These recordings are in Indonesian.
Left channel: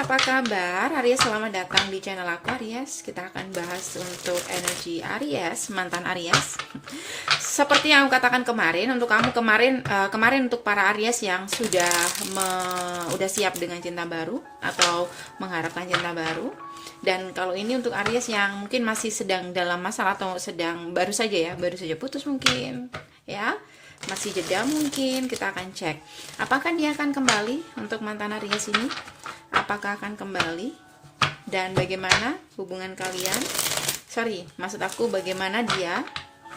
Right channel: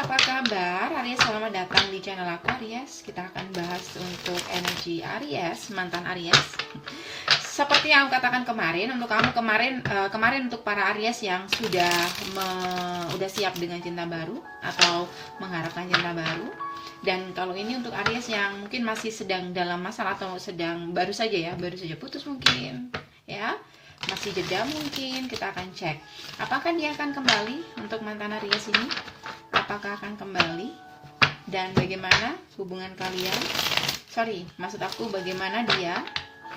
apa kabar? Aries, selamat datang di channel aku Aries. Kita akan bahas untuk energi Aries, mantan Aries. Seperti yang aku katakan kemarin, untuk kamu kemarin untuk para Aries yang udah siap dengan cinta baru atau mengharapkan cinta baru. Dan kalau ini untuk Aries yang mungkin masih sedang dalam masalah atau sedang baru saja putus mungkin, ya. Masih jeda mungkin, kita akan cek apakah dia akan kembali untuk mantan Aries ini, apakah akan kembali dan bagaimana hubungan kalian, maksud aku bagaimana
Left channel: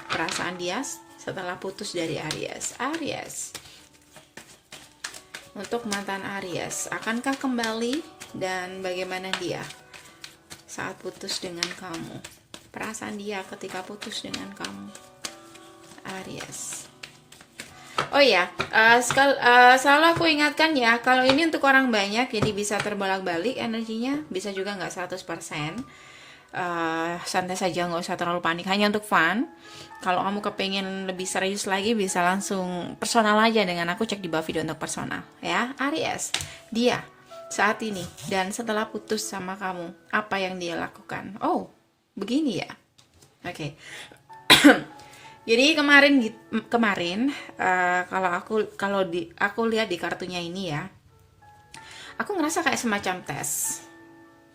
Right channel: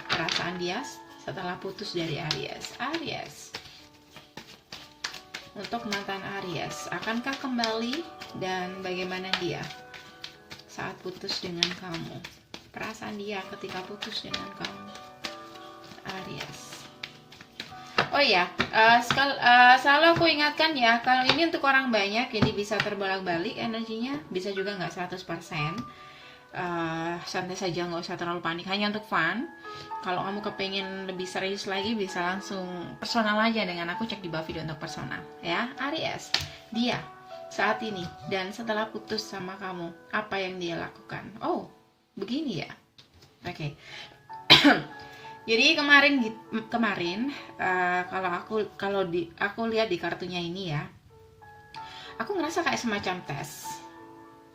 perasaan dia setelah putus dari Aries. Untuk mantan Aries, akankah kembali dan bagaimana dia saat putus dengan kamu, perasaan dia ketika putus dengan kamu, Aries. Oh ya, selalu aku ingatkan ya, kalau ini untuk orang banyak, jadi bisa terbolak-balik energinya, bisa juga nggak 100%. Santai saja, nggak usah terlalu panik, hanya untuk fun. Kalau kamu kepengen lebih serius lagi, bisa langsung personal aja dengan aku, cek di bawah video untuk personal ya. Aries, dia saat ini dan setelah putus sama kamu, apa yang dia lakukan? Oh, begini ya. Oke. Jadi kemarin kalau aku lihat di kartunya ini ya, aku ngerasa kayak semacam tes,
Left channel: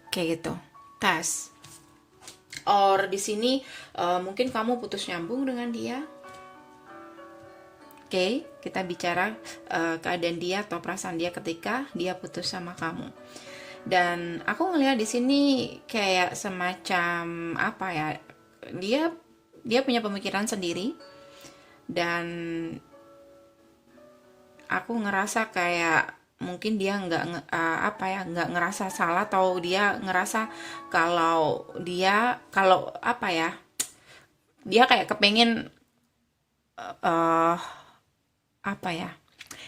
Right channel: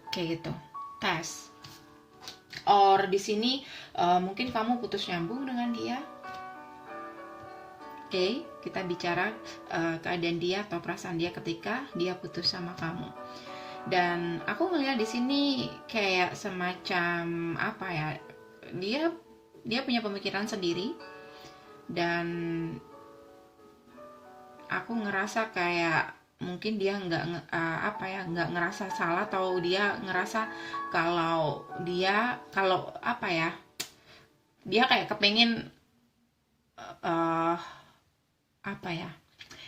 kayak gitu, tes. Or di sini mungkin kamu putus nyambung dengan dia. Oke, kita bicara keadaan dia atau perasaan dia ketika dia putus sama kamu. Dan aku ngelihat di sini kayak semacam apa ya, dia punya pemikiran sendiri, dan aku ngerasa kayak mungkin dia nggak ngerasa salah, atau dia ngerasa kalau dia kayak kepengen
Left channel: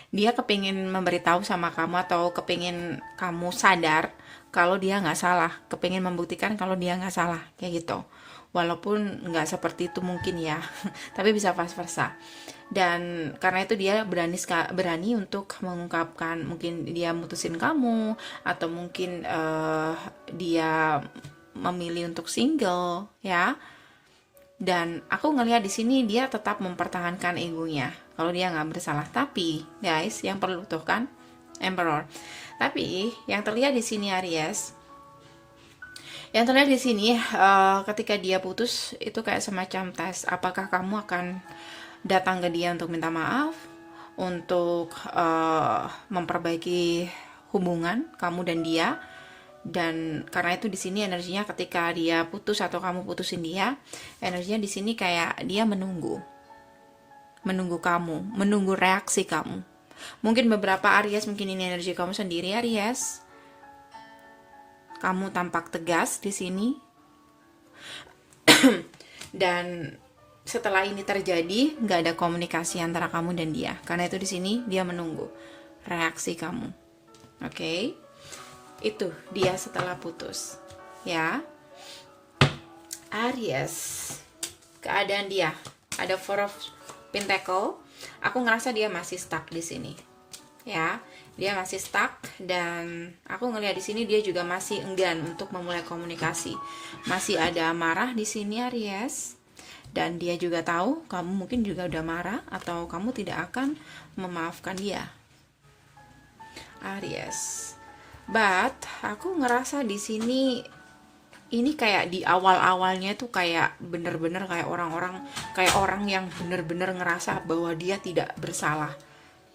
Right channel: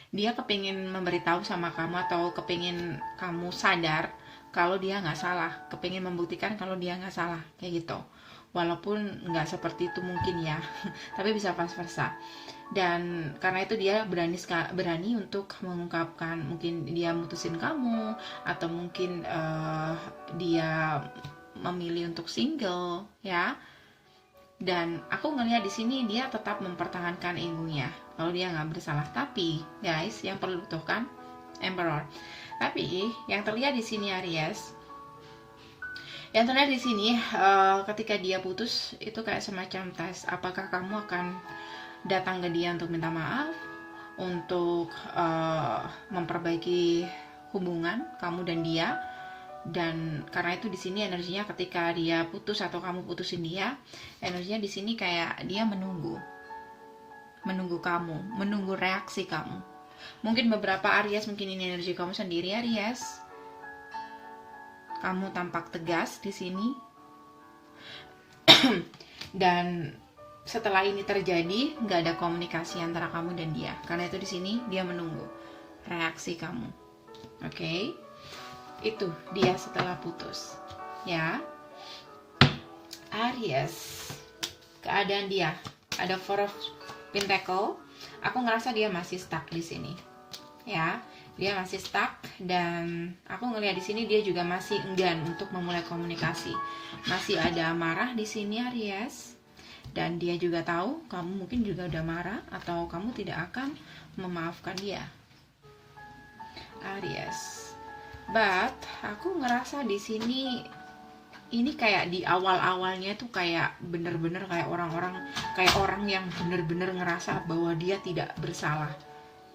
dia kepingin memberitahu sama kamu, atau kepingin kamu sadar kalau dia nggak salah, kepingin membuktikan kalau dia nggak salah, kayak gitu. Walaupun nggak seperti itu mungkin ya, tapi bisa vice versa. Dan karena itu dia berani untuk mengungkapkan, mungkin dia mutusin kamu, atau mungkin dia memilih untuk single ya. Dan aku ngelihat di sini dia tetap mempertahankan egonya kalau dia nggak bersalah. Tapi guys, yang perlu tuh kan Emperor. Tapi yang terlihat di sini Aries, ketika dia putus itu kayak semacam tes. Apakah kamu akan datang ke dia untuk minta maaf, untuk memperbaiki hubungan kamu dan dia. Dan karena itu di sini energinya ketika dia putus atau kamu putusin dia, energinya di sini kayak dia menunggu kamu, menunggu reaksi kamu. Mungkin beberapa Aries, mungkin ini energi kamu sendiri Aries. Kamu tampak tegas di sini. Dan setelah ini terjadi, nggak ada komunikasi antara kamu dan dia. Karena itu di sini dia menunggu reaksi kamu. Oke? Itu dia setelah putus. Ya. Aries. Keadaan dia ada Four of Pentacle. Aku ngerasa dia masih stuck di sini. Ya. Dia masih stuck, dan aku ngelihat di sini dia juga masih enggan untuk memulai komunikasi. Masih ada marah di sini Aries, dan dia juga tahu kamu mungkin juga udah marah atau kamu tidak akan memaafkan dia Aries. But aku ngerasa di sini ini kayak di awal-awalnya tuh kayak bener-bener kayak orang yang bener-bener ngerasa bahwa dia tidak bersalah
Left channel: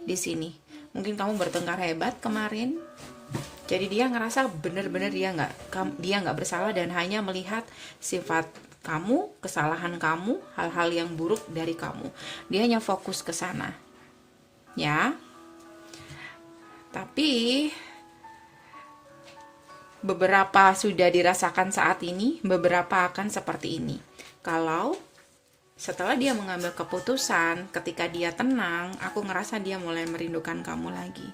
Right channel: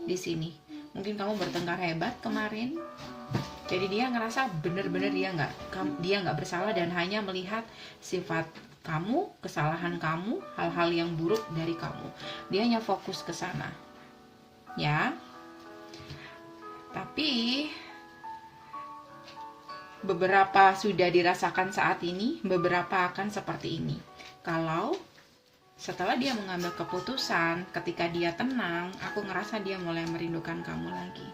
di sini. Mungkin kamu bertengkar hebat kemarin, jadi dia ngerasa bener-bener dia nggak bersalah, dan hanya melihat sifat kamu, kesalahan kamu, hal-hal yang buruk dari kamu. Dia hanya fokus ke sana, ya. Tapi beberapa sudah dirasakan saat ini, beberapa akan seperti ini. Kalau setelah dia mengambil keputusan, ketika dia tenang, aku ngerasa dia mulai merindukan kamu lagi.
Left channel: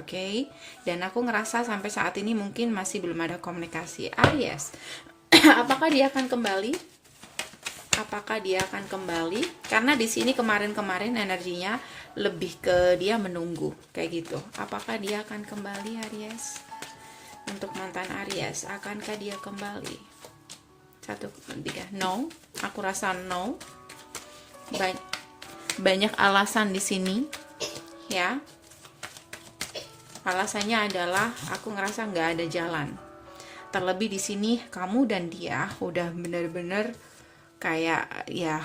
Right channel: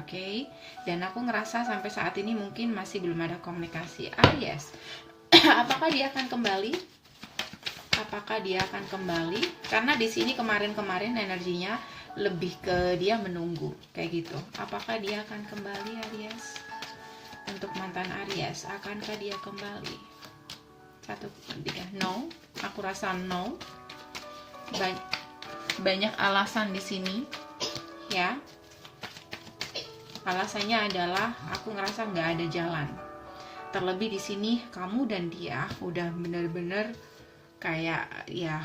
Oke? Dan aku ngerasa sampai saat ini mungkin masih belum ada komunikasi. Aries, apakah dia akan kembali? apakah dia akan kembali? Karena di sini kemarin-kemarin energinya lebih ke dia menunggu kayak gitu. Apakah dia akan kembali, Aries? Untuk mantan Aries, akankah dia kembali? 1, 3, no. Aku rasa no. Banyak alasan di sini, ya. Alasannya adalah aku ngerasa nggak ada jalan. Terlebih di sini kamu dan dia udah bener-bener kayak ya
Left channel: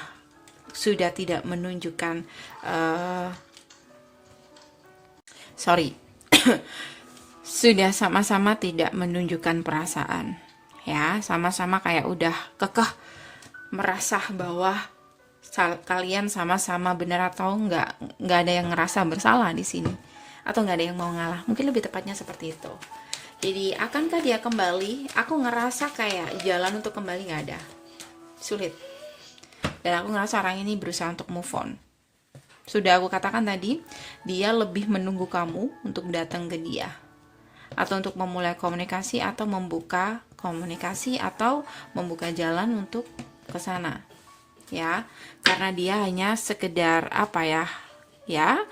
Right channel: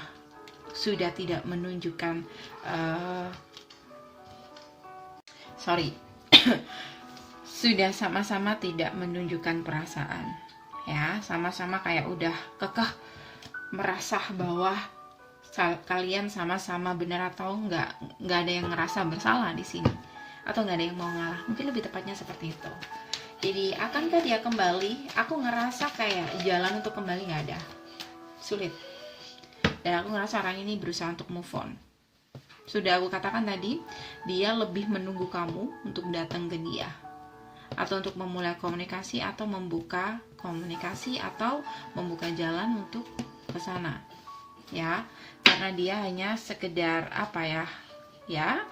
sudah tidak menunjukkan sudah sama-sama tidak menunjukkan perasaan, ya, sama-sama kayak udah kekeh merasa bahwa kalian sama-sama benar atau nggak ada yang ngerasa bersalah di sini, atau nggak ada yang mau ngalah, mungkin lebih tepatnya seperti itu. Jadi akankah dia kembali? Aku ngerasa kayak jalan untuk kembali nggak ada, sulit. Dan aku ngerasa orang ini berusaha untuk move on. Sudah aku katakan tadi, dia lebih menunggu kamu untuk datang ke dia, atau untuk memulai komunikasi, atau membuka komunikasi, atau membuka jalan untuk ke sana, ya. Karena dia hanya sekedar apa ya,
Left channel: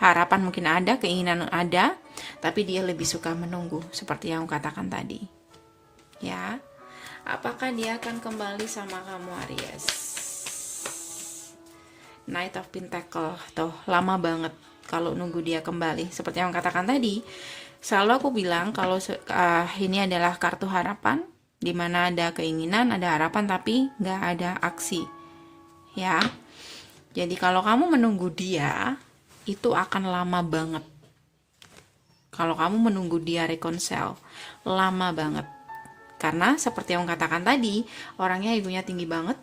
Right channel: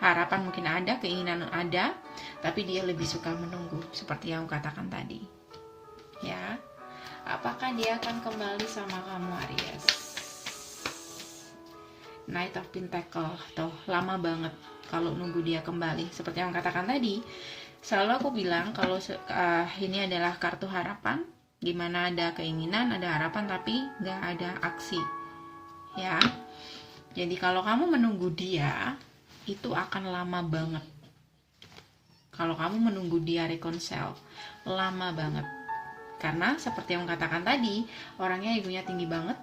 harapan mungkin ada, keinginan ada, tapi dia lebih suka menunggu, seperti yang aku katakan tadi, ya. Apakah dia akan kembali sama kamu, Aries? Knight of Pentacle, tuh lama banget kalau nunggu dia kembali. Seperti yang katakan tadi, selalu aku bilang kalau ini adalah kartu harapan, dimana ada keinginan, ada harapan, tapi nggak ada aksi, ya. Jadi kalau kamu menunggu dia, itu akan lama banget. Kalau kamu menunggu dia reconcile, lama banget. Karena seperti yang katakan tadi, orangnya egonya tinggi banget,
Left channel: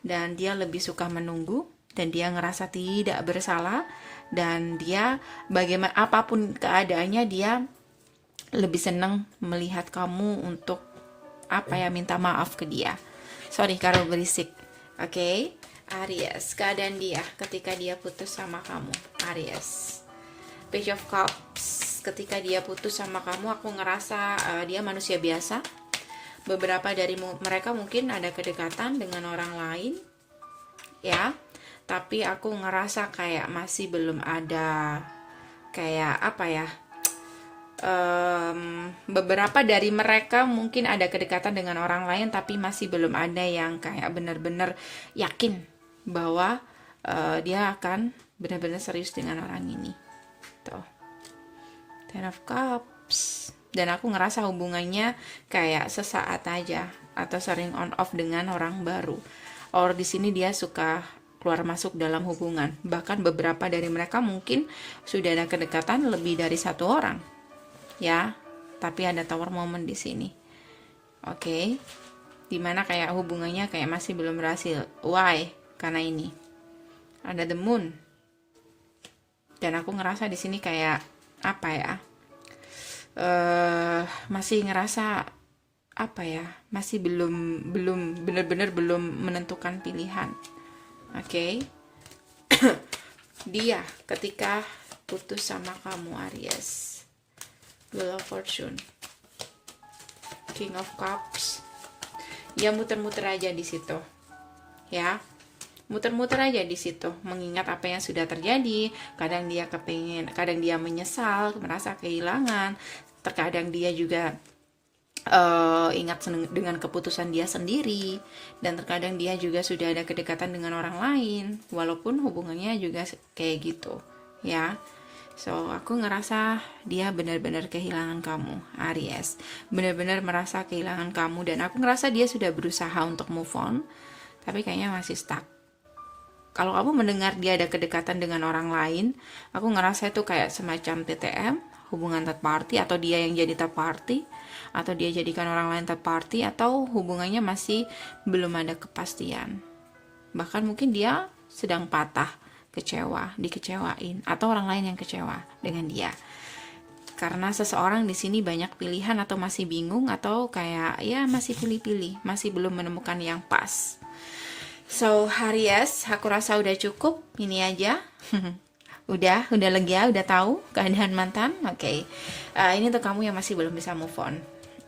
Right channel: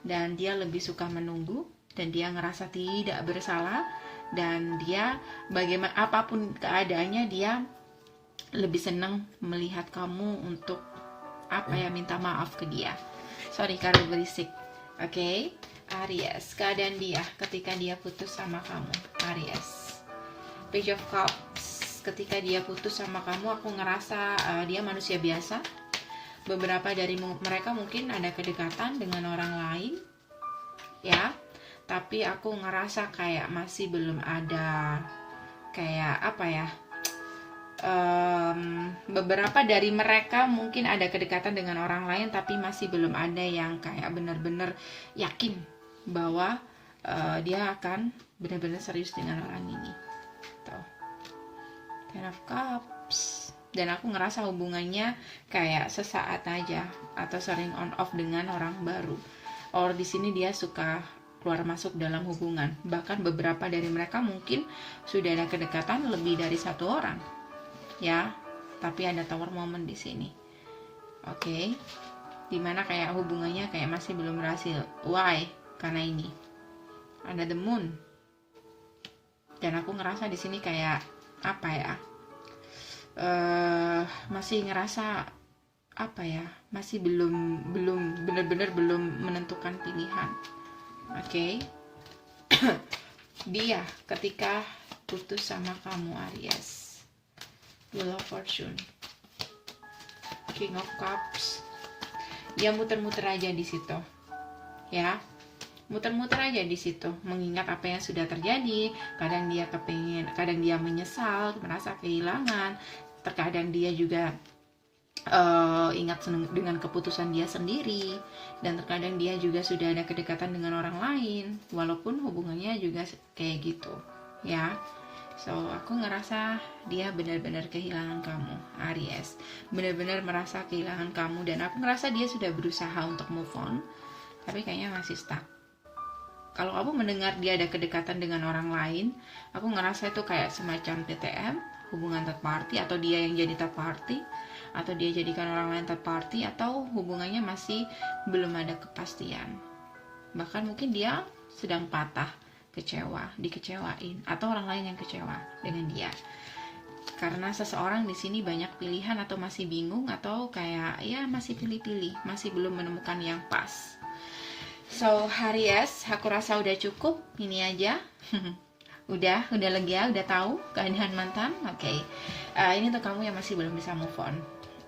dan dia lebih suka menunggu, dan dia ngerasa tidak bersalah, dan dia bagaimana apapun keadaannya, dia lebih senang melihat kamu untuk minta maaf ke dia. Sorry kalau berisik. Oke. Aries, keadaan dia ketika dia putus sama kamu, Aries. Page of Cups, ketika dia putus sama kamu, aku ngerasa dia manusia biasa. Beberapa dari mereka mungkin ada kedekatan dengan orang lain, ya. Tapi aku ngerasa kayak masih belum ada kayak beberapa dari mereka mungkin ada kedekatan dengan orang lain, tapi masih belum ada yang kayak benar-benar yakin bahwa dia akan benar-benar serius dengan orang ini. Tuh, Ten of Cups. Dan aku ngerasa hubungannya kayak sesaat aja, atau sering on off dengan orang baru. Or di sini dia suka keluar masuk dalam hubungan. Bahkan beberapa dari mereka mungkin sudah ada kedekatan lebih dari satu orang, ya. Tapi ada tower moment di sini. Oke. Dimana kayak hubungannya kayak masih belum berhasil. Why? Karena ini ada the moon. Dan aku ngerasa di sini kayak masih ngerasa masih belum benar-benar belum menentukan pilihan. Oke. Dia ketika putus sama kamu, Aries, Wheel of Fortune, King of Cups, ya muter-muter aja di situ, ya, muter-muter aja di situ, mengingat apa yang sudah terjadi. Kadang dia kadang dia menyesal, merasa kehilangan, terkadang dia juga ingat dengan keputusan dia sendiri, dan terkadang dia juga sudah ada kedekatan dengan orang lain, walaupun hubungannya juga kayak gitu, ya. So aku ngerasa dia benar-benar kehilangan kamu, Aries, benar-benar merasa kehilangan kamu, dan aku ngerasa dia sudah berusaha untuk move on, tapi kayaknya masih stuck. Kalau kamu mendengar dia ada kedekatan dengan orang lain, aku ngerasa itu kayak semacam TTM, hubungan third party, atau dia yang jadi third party, atau dia jadikan orang lain third party, atau hubungannya masih belum ada kepastian. Bahkan mungkin dia sedang patah, dikecewain, atau orang lain yang kecewa dengan dia. Karena seseorang di sini banyak pilihan, atau masih bingung, atau kayak ya masih pilih-pilih, masih belum menemukan yang pas. So Aries, aku rasa udah cukup, ini aja. udah lega, udah tahu keadaan mantan. Oke. Ini untuk kamu yang masih belum bisa move on.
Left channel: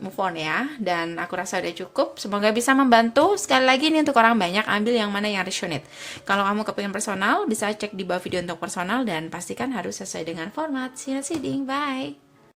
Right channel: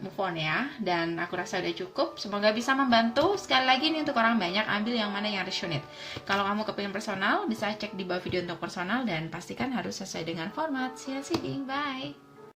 move on ya. Dan aku rasa udah cukup. Semoga bisa membantu. Sekali lagi nih untuk orang banyak, ambil yang mana yang resonate. Kalau kamu kepingin personal, bisa cek di bawah video untuk personal dan pastikan harus sesuai dengan format. See you, bye.